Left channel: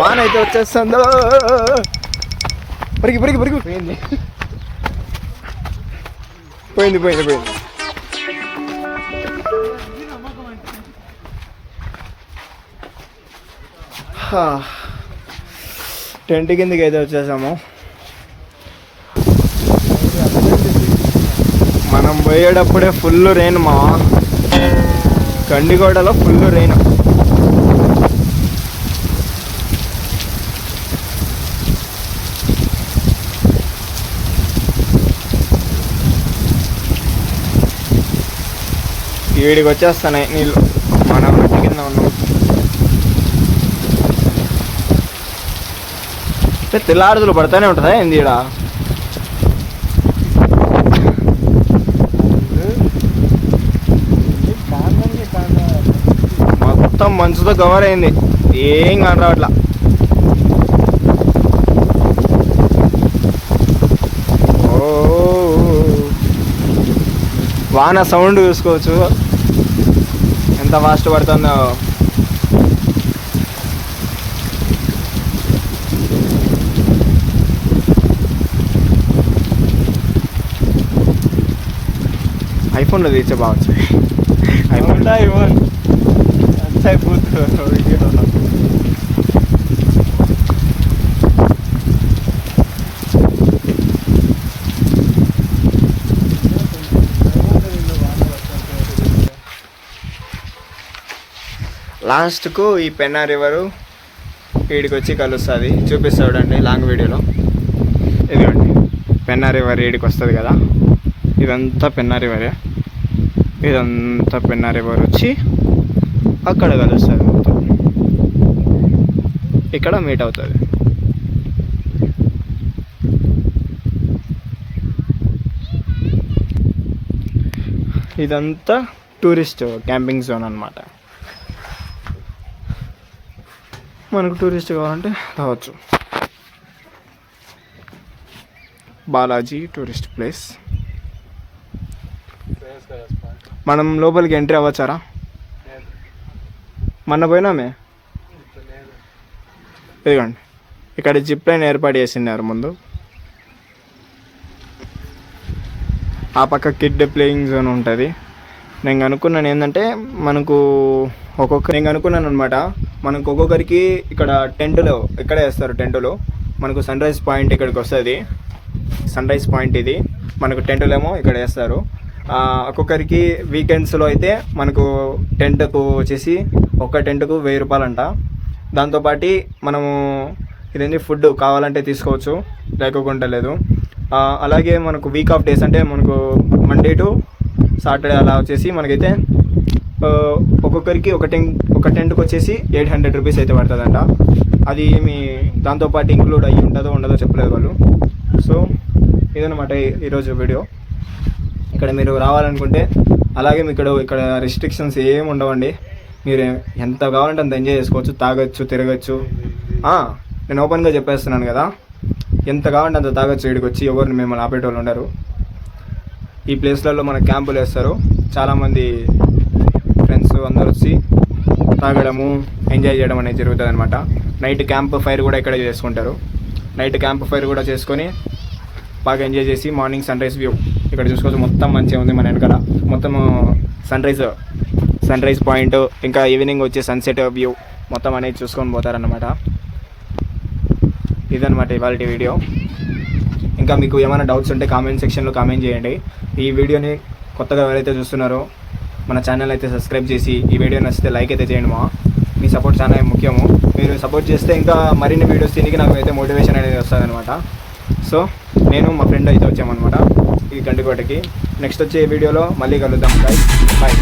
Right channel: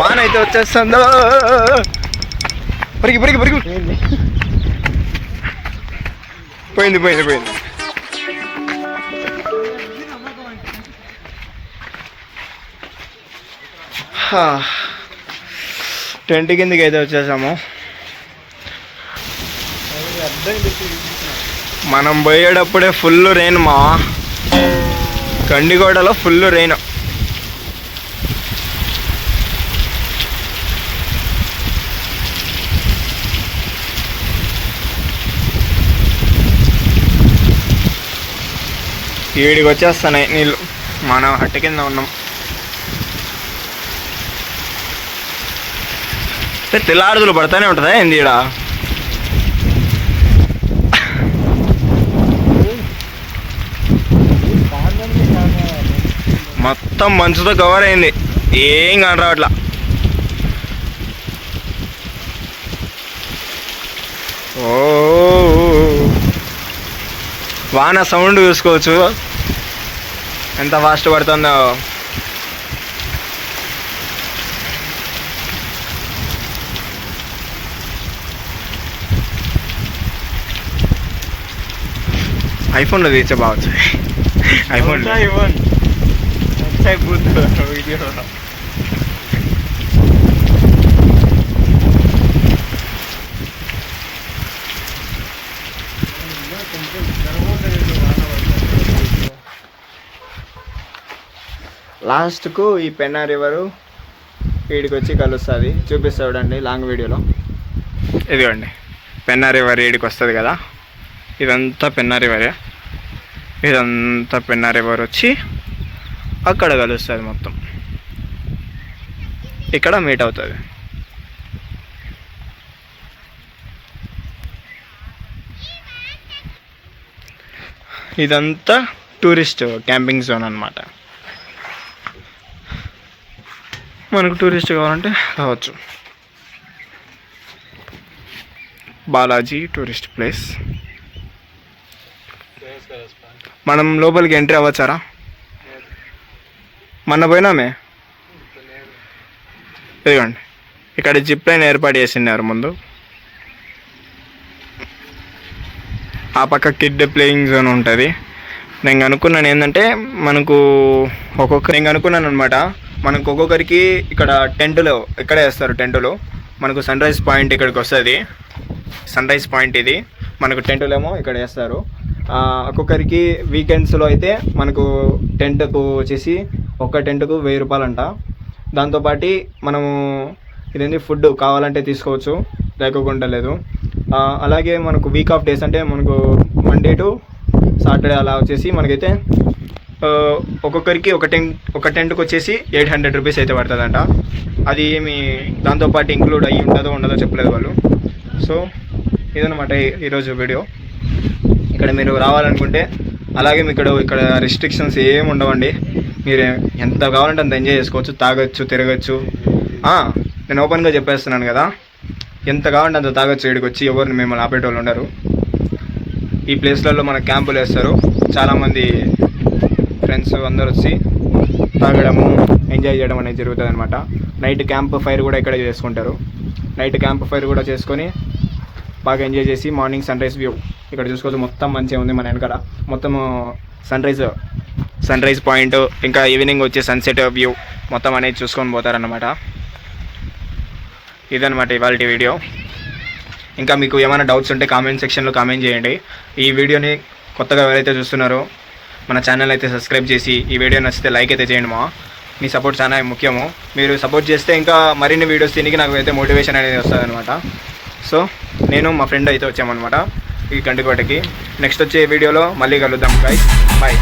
వాన అయితే వచ్చేస్తుందో పరిగి పరిగి పరిగి పోయింది పోయింది పోయింది. టెంట్ కిందకి అయితే వచ్చేసాము. మనం పోయేటప్పుడే ఫుల్ రెయిన్ మా కండిగోడలో ఫుల్ రెయిన్. ఈడికి వచ్చేస్తున్నాయి నీళ్ళు. మనం హట్టు కింద ఉన్నాం. తెల్లాడుదలు పడతానే ఉంటుందా ఏంది ఈడ? మొత్తం మంచుతో కవర్ అయింది, ఏం కాని రావట్లా. ఓ వాన సౌండ్ చూసుకోవచ్చు ఎంత ఫాస్ట్ పడుతుందో. ఐఫోన్లో తీర్చే బావచ్చు. ఐఫోన్ లాస్ట్కు ఈ పెన్నా రివరు వీడికి వచ్చి కలుస్తుంది. చూపిస్తాడండి లాంగ్ వీడియోలో. ఇదిగోండి పెన్నా రివర్ వీడికి వస్తుంది కదా, ఇదంతా పెన్నా రివరే. ఇదంతా పెన్నా రివర్ వచ్చి అక్కడ కలుస్తుంది, మొత్తం ఇక్కడ మీట్ అవుతుంది. ఇదంతా టూరిస్ట్ క్యాంపింగ్ జోన్ అన్నమాట. మనకు టూరిస్ట్ కావాలంటే రావచ్చు. Balaji tourist place. మనం లోపలికి ఎంట్రీ అవ్వచ్చారా? మొన్న పోయినామే. ఇదిగోండి ఇక్కడ జిప్ లైన్ ఏర్పాటు చేసినారు ముందు. ఆ పక్క కిడ్ ప్లేయింగ్ జోన్ ఉంటుంది. నేను అనుకున్నాను ఏంటంటే నేను అనుకున్నాను అనమాట, మనకు ఒక్కొక్కరికి ఇక్కడ టెంటులో ఇక్కడే వేస్తారు. టెంటులో మనకు సన్ రైజ్ పాయింట్ ఇక్కడికి వస్తుంది. సన్ రైజ్ పాయింట్ ఇది. మనకు టెంటులు ఏమో ఇక్కడ వేస్తారు. ఒక్కొక్కరికి వీకెండ్స్లో అయితే మనకు టెంట్కు వచ్చేసి ఒక్క టెంట్కు 1000 రూపాయలు అంట. దాంతోపాటు మనము ఇదేంటి ఫుడ్ కావాలంటే తీసుకోవచ్చు, లేకోకుండా లేదు. అలాగే మనకు వీక్ ఆఫ్ డేస్ అంటే మనకు మండే టు సాటర్డే అలా వచ్చేసి మనకైతే ఒక్కొక్కరికి ఒక టెంట్కి వచ్చేసి 800 రూపీస్ అయితే పడుతుందంట. అది ఏమి దాంతోపాటు ఇంక్లూడ్ అయ్యి ఉండదో చెప్పలేదు వాళ్ళు. సో ఇదన్నమాట ఈరోజు వీడియో. ఇక్కడ మీరు రావాలనుకుంటే అలాగే ఇక్కడ రిస్ట్రిక్షన్స్ ఏమి ఉండవండి. మీరు ఎంత కావాలంటే అంత ఎంజాయ్ చేసుకోవచ్చు, తాగొచ్చు, తిరగచ్చు. నేను ఓపెన్గా చెప్పేస్తున్నాను కదా, ఎంత కావాలంటే అంత తాగొచ్చు. ఇక్కడికి వచ్చి ఎవరిని మిమ్మల్ని ఆపేటోళ్ళు ఉండరు. ఈ ప్లేస్లలో మన క్యాంపులు వేస్తారు, చాలామంది ఫ్రెండ్స్ అందరు వచ్చి తాగడము, ఎంజాయ్ చేయడం అనేది జరుగుతుంది అనమాట. నైట్ క్యాంప్ ఫైర్ కూడా ఇక్కడ చేసుకుంటారు. నైట్ క్యాంప్ ఫైర్ కూడా చేసుకొని బాగా ఎంజాయ్ చేసి మార్నింగ్ సన్ రైజ్ వ్యూ ఇక్కడ చూసుకోవచ్చు. మొత్తం మంచిగా ఉంది మన వెనకాల, మొత్తం సన్ రైజ్ పాయింట్, ఇంకా ఈవినింగ్ వచ్చే సన్సెట్ వ్యూ మొత్తం అనేది చూసుకొని పోతారన్నమాట. ఇదన్నమాట ఇవాళ వీడియో. ఇంకా మీకు ఏమైనా డౌట్స్ ఉంటే కామెంట్ సెక్షన్లో కామెంట్ చేయండి. ఈ వీడియోని కొత్తగా ఎవరైతే చూస్తున్నారో మన ఛానల్ అయితే సబ్స్క్రైబ్ చేసి, ఈ వీడియో నచ్చితే లైక్ అయితే చేయండి. మీ సపోర్ట్ చాలా ముఖ్యము. మీరు సపోర్ట్ చేస్తే ఇంకా మరిన్ని వీడియోస్ తిరిగి నాకు అయితే మోటివేషన్ అనేది వస్తుంది అనమాట. సో నేను మా ఫ్రెండ్ అయితే వచ్చామన్నమాట ఈ గండికోటకి. నెక్స్ట్ వచ్చే వీడియోలో మళ్ళీ కలుద్దాం గైస్, బాయ్.